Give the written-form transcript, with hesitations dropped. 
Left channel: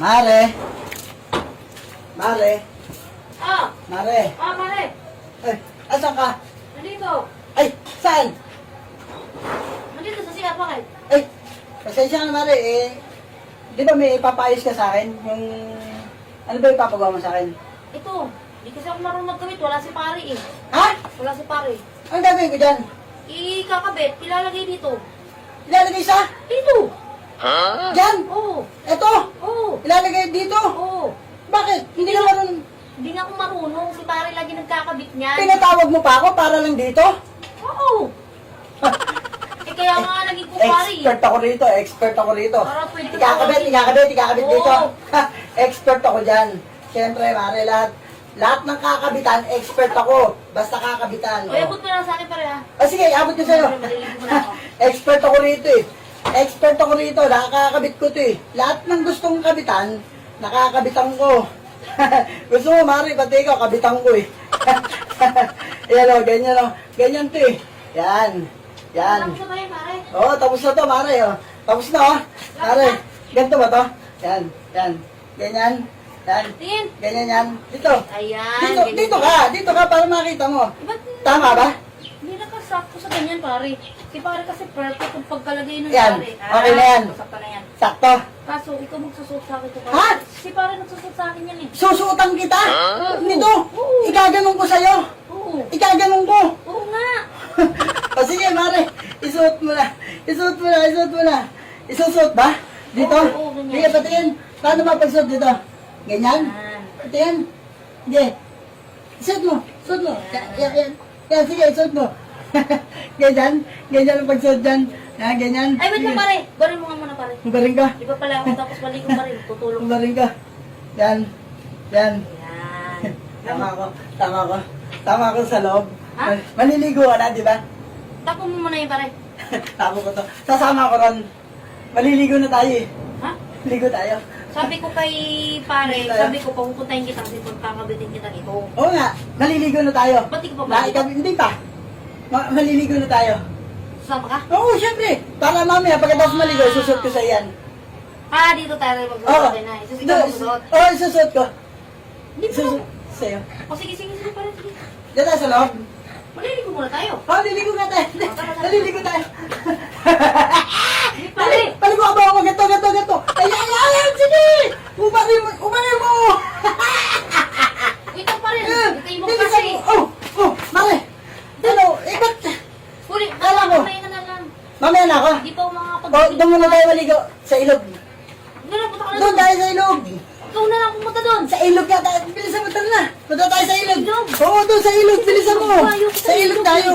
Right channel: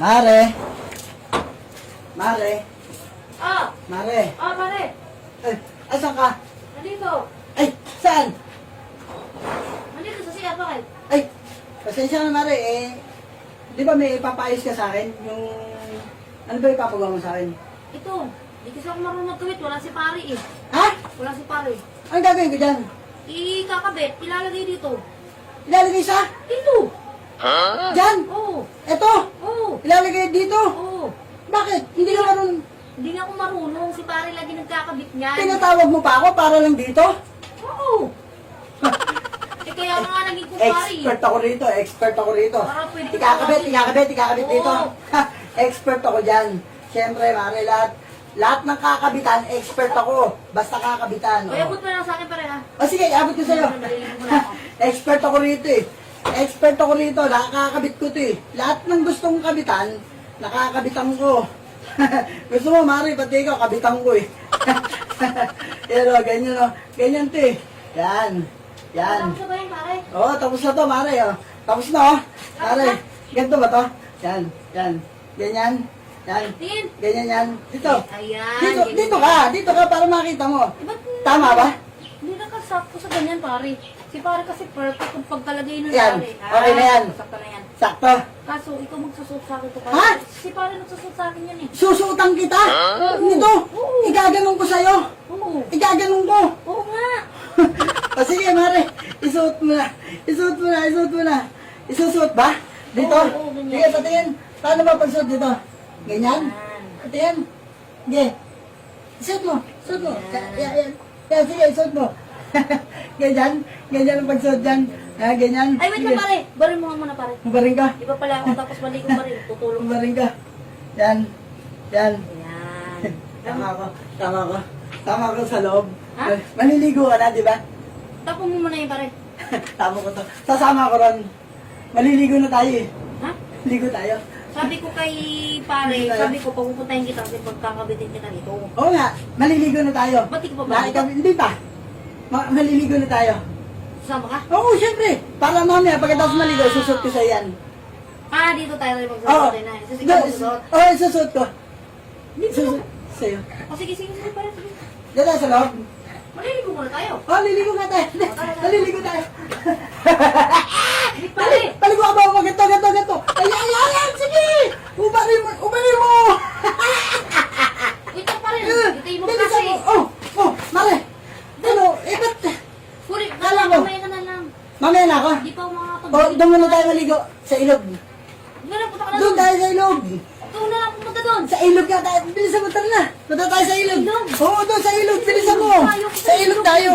Mare. Mare. Ah! Mare. Ah, pare! Ay, asan ka? Nandito! Ay, saan? Nandito sa sikat, bakit? Ay, pasensya na Mare, di ba may ipapayos ka sa akin? Yung, ano ba ipapagawa mo sa akin? Ito, hindi kasi ako marunong magkabit. Wala si pare eh. Ha? Wala si pare. Anong gagawin ko dyan? Ikakabit, ilalagay dito. Ilalagay sa? Dito! Dyan? Oo! Eto? Oo! Ilalagay dito? Oo! Bakit? Hindi ka marunong. Hindi na ako marunong. Si pare lagi nagkakabit niyan. Pinatawag mo pa ako para lang dito? Oo! Eh kaya nga naging kupari. Expert ako rito, expert ako rito. Para pwede ka Ikakabit Oo. dito. Expert ako dyan. Siyempre, Mare, lahat ng kakabitan, expert ako. Basta kakabitan. Eh, abot na lang sa akin pare ha. Sige, abot ko sa'yo. Maliligo mo na ako. Expert ako rito eh. Expert ako rito, nakakabit ko to eh. Lahat ng gustong kabitan, nakakabitan ko. Gusto mo, Mari, pati ikaw, kabitan ko eh. Yan o, ganyan o. Ganyan to eh. Yan. Yan. Tapos na ba yun pare? Oo, tapos na to, Mari o. Tapos na o. Mari, ganito ba to? Yan, yan. Ganyan. Yan. Tingin. Ganyan yan. Dito. Ayan. Dito, ganyan. dito ka para makita mo. Ba't Tama ba? hindi nakasakto sa ganyan pare. Si pare kasi perfect kung pagkalagay nun Yan. pare. Okay na yan. Sakto na yan. Sakto. Kaso ikaw magsusot sa akin to pare. Ha? Si pare nagsusot sa akin yan eh. Susuotan kita. Dito. Oo. Igaganong ko sa'yo. Oo. Igaganong ko. Oo nga. O sige, Mare. Isuot mo na. Isuot mo na. Isuot mo na. Isusuot ba? Dito? Oo, ganyan. Sige, patingin. Paano ba pagsuot dito? Ganyan? Yan. Patingin. Sige. Isuot mo. Isuot mo. Yan. Yan, sige, isuot mo. Ganyan. Ganyan ang pagsuot dyan. Ha, ganyan. Ay, wait lang pare. Barin mo nga muna pare. Baring ka. Di ba pala ako tapos balik ko barin. Tutulong. Baring ka. Yan. Yan. Yan. Tama ko. Tama ko. Tama ko sa loob. Ha? Maniligo ka na, di ba? Tapo mo muna yun pare. Tama ko to. Sasama ko ron. Maliligo na tayo eh. Ha? Ligo tayo. Sabi ko kay pare, Tayo. sabi ko pupuntahin kita kasi pagkakabitin kita nito. Oo nga, maliligo na tayo. Ba't di ka pa ba? Hindi pa. Maliligo na tayo. Sasama ka? Oo, syempre. Para mamaya, pagkatapos maligo, isusot ko sa yan. Ah, dito tayo rin Oo. magsusot din na. Isusot ka magsusot. Oo, isusot ko. Hindi ko na. Isusot sa'yo. O sige, sige, sige pare. Sige. Diyan tayo sa loob. Maliligo muna tayo. Oo, liligo nga tayo. Naliligo tayo. Hindi pare. Paligo ka ba ako? Ganto. Ay, sige. Ubarin mo. Ito pare. Ito yung Dito kasi. Oh, Mare. Ano, ikot. Huli, Kala ko. mamaya ka na lang. Mamaya na ako. Hindi pa ako makakapag- Oh, doon muna tayo maligo. Sa ilog. Hindi na, punta ka na Doon tayo sa ilog. Ikaw na lang pumunta doon. Sa ilog nga tayo. Bilisan mo, tara na. Punta tayo sa ilog. Ilog? Oo, doon sa ilog. Bilisan mo. Ayoko Sa ilog tayo.